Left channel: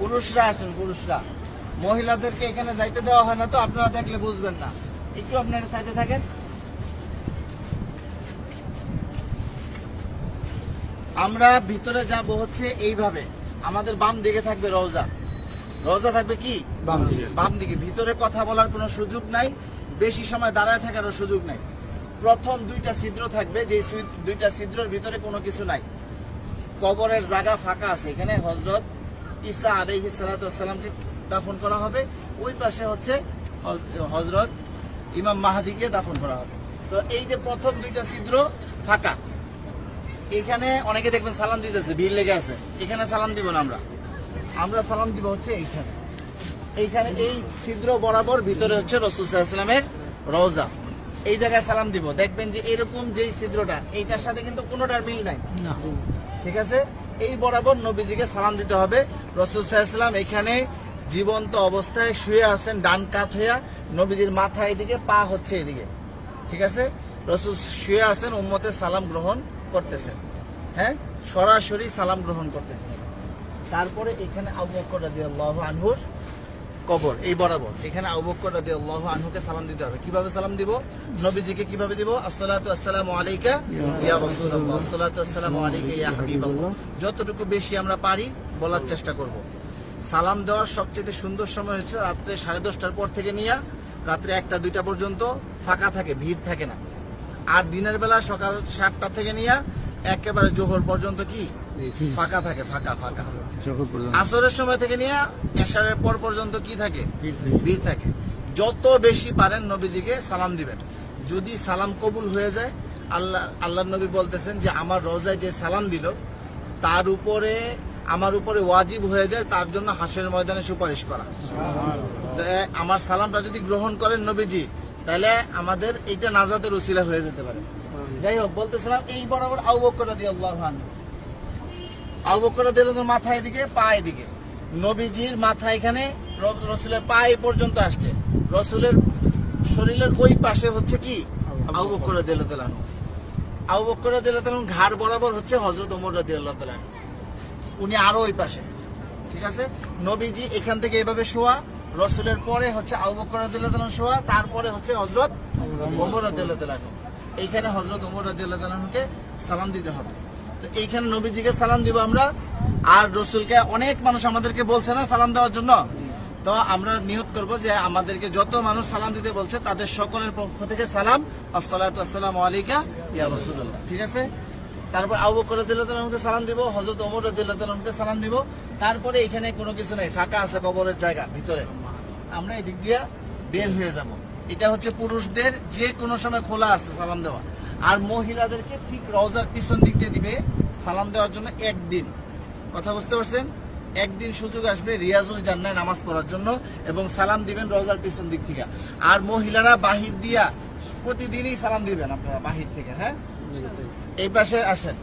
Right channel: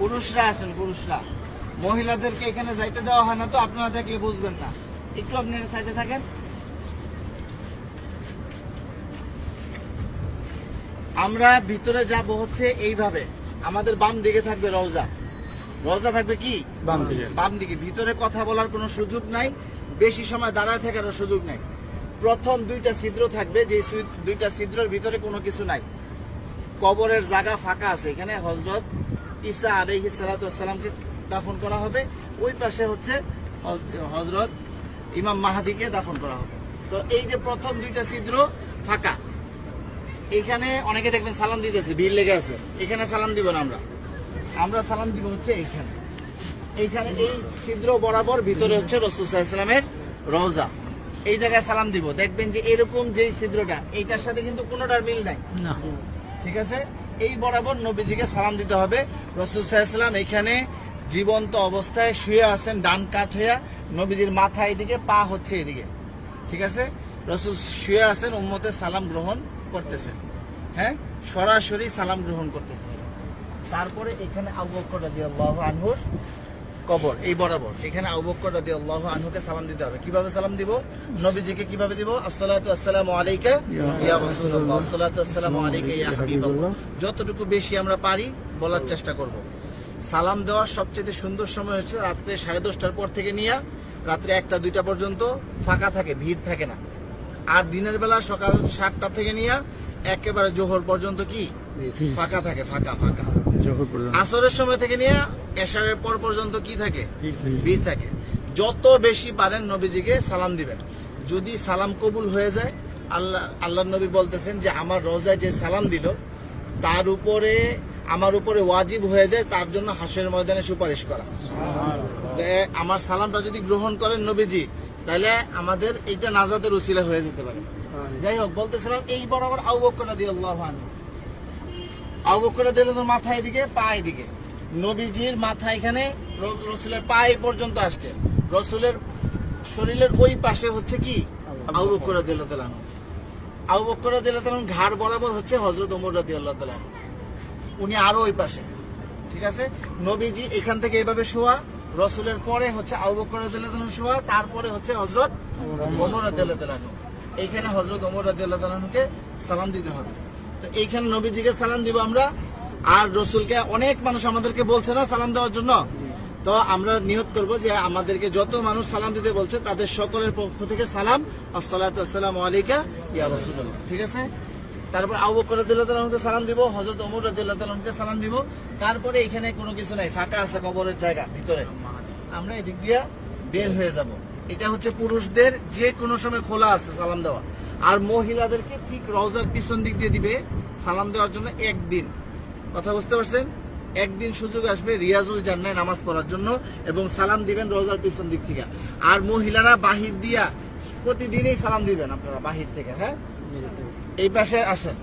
পুরুষরা আসেন, পুরুষরা। মহিলাদেরকে এখানে যাইতে দেওয়া হয় না, তো আপনারা থাকলে বুঝবেন না। একটু আপনারা সাইডে থাকেন। আমরা ভিতরে যাব হচ্ছে এইভাবে। আমাদের বাম দিকে থাকবে রওজা। রওজা থাকবে কি বাম দিকে। ভিতরে কথা বলার কোনো সুযোগ নাই, বেশি সময় দাঁড়ায় থাকারও সুযোগ নাই। প্রথম দুইটা ছিদ্র থাকবে, যে দুইটা ছিদ্রের ভিতরে কোনো কিছু নাই। কবরের জায়গা ফাঁকা আছে। এখানে হযরত ঈসা আলাইহিস সালাতু ওয়াস সালামকে দাফন করা হবে। ওই পাশে হচ্ছে হযরত ইমাম মাহদিকে দাফন করা হবে। তো এই যে প্রথম দুইটা ছিদ্র ফাঁকা, এখানে অনেকে দেখবেন সালাম দিতেছে, ভিড় লেগে আছে। এখানে সালাম দিব না, আমরা সালাম দিব হচ্ছে এইখানে। এইখানে এই ছিদ্র বরাবর ভিতরে হচ্ছে রাসূল সাল্লাল্লাহু আলাইহি ওয়াসাল্লামের রওজা। এই জায়গায় সালাম দিব। দেখবেন যে এরকম যেই ছিদ্রটা, এইটার সাথে কিন্তু কোনোটার মিল নাই, ঠিক আছে? এই বরাবর নবীজিকে সালাম দিতে হবে। রাসূল সাল্লাল্লাহু আলাইহি ওয়াসাল্লাম এখানে জীবন্ত অবস্থায় শুয়ে আছেন, ডান কাত হইয়া। নবীজির মাথা এদিকে, পা হচ্ছে এদিকে, ঠিক আছে? রাসূল শুয়ে আছেন, উম্মতের সালাম গ্রহণ করতেছেন। হ্যাঁ, সরাসরি সালাম গ্রহণ করতেছেন। তারপরে এখানে আবু বকর রাদিয়াল্লাহু আনহুর কবর, এই বরাবর এখানে আবু বকর রাদিয়াল্লাহু আনহুকে সালাম দিতে হবে। কিভাবে সালাম দিব? নবীজিকে কিভাবে দিব? আসসালাতু আসসালামু আলাইকা ইয়া রাসূলুল্লাহ, আসসালাতু আসসালামু আলাইকা ইয়া হাবিবাল্লাহ। যতটুকু বেশি আমরা পারি বলার চেষ্টা করব। সালাম দেওয়ার সবচেয়ে সুন্দর সময় হচ্ছে রাত্রে 10:30টার পর থেকে নিয়ে রাত্রে 1টা-2টা পর্যন্ত ফাঁকা থাকে, ভিড় থাকে না। আর দিনের বেলা সকাল 7টা থেকে নিয়ে একেবারে জোহর পর্যন্ত কি ফাঁকা থাকে, ফাঁকা। আসরের সময় থেকে নিয়ে এশারের পর পর্যন্ত কি থাকে? ভিড় থাকে। যত বেশি পারেন নবীজিকে সালাম দিবেন। যদি সালাম কবুল হয়ে যায়, আল্লাহ নবী বলতেছেন যে আমার রোজায় যে সালাম দিল তার উপরে, আমার উপরে ওয়াজিব হয়ে যায় তার জন্য হাসরের ময়দানে সুপারিশ করা। আমার সালামটা যদি গ্রহণ করেন নবীজি, তাহলে আমাদের এইটা নাজাতের উসিলা হয়ে যেতে পারে। যাই হোক, বলতেছিলাম এই বরাবর আবু বকর রাদিয়াল্লাহু আনহু, আবু বকর রাদিয়াল্লাহু আনহু মাথা এদিকে, পা এদিকে। নবীজির মাথা এখানে, রাসূলের পা এই পর্যন্ত আসছে। রাসূলের শরীরের ওই পাশে হচ্ছে কি আবু বকর রাদিয়াল্লাহু আনহু। আবু বকর রাদিয়াল্লাহু আনহু ঘাড় বরাবর হচ্ছে হযরত ওমর রাদিয়াল্লাহু আনহু, উনি আরো ওই পাশে, ঠিক আছে? নবীজি এখান থেকে এইভাবে শোয়া, রাসূলের পরে হচ্ছে আবু বকর রাদিয়াল্লাহু আনহু শোয়া, তারপরে হচ্ছে হযরত ওমর রাদিয়াল্লাহু আনহু। এইখানে হযরত ওমর রাদিয়াল্লাহু আনহুকে সালাম দিতে হবে। তো এইখানে নবীজিকে সালাম দিব আমরা। আর রাসূলকে অনেক মানুষ আমাদেরকে বলছে না সালাম দেওয়ার জন্য, তো আমরা নিয়ত করব যে আমাদেরকে যত মানুষ সালাম দিতে বলছে তাদের সকলের পক্ষ থেকে সালাম, আসসালাতু আসসালামু আলাইকা ইয়া রাসূলুল্লাহ, ঠিক আছে? তারপর আবু বকর রাদিয়াল্লাহু আনহুকে সালাম দিব, হযরত ওমর রাদিয়াল্লাহু আনহুকে সালাম দিব। তারপরে এখানে কোনো কিছু নাই, ফাঁকা আছে কবরের জায়গা ভিতরে। আমরা এদিক দিয়ে বের হয়ে যাব। এটা হচ্ছে পুরুষদের যে কোনো সময় খোলা আছে সালাম দেওয়া। আর মহিলাদেরকে ঠিক রওজার পিছন দিক দিয়ে দিবে সালাম দেওয়ার জন্য একদিন। কথা বুঝতে পারছেন? একদিন সুযোগ আসবে রিয়াজুল জান্নাহ নামাজ পড়ার জন্য, এবং সালাম দিবেন রওজার পিছন দিক থেকে। আর মহিলারা বাহির দিয়া প্রতিদিনই সালাম দিবেন আপনারা বাহির থেকে। হ্যাঁ, এই পাশে আসেন।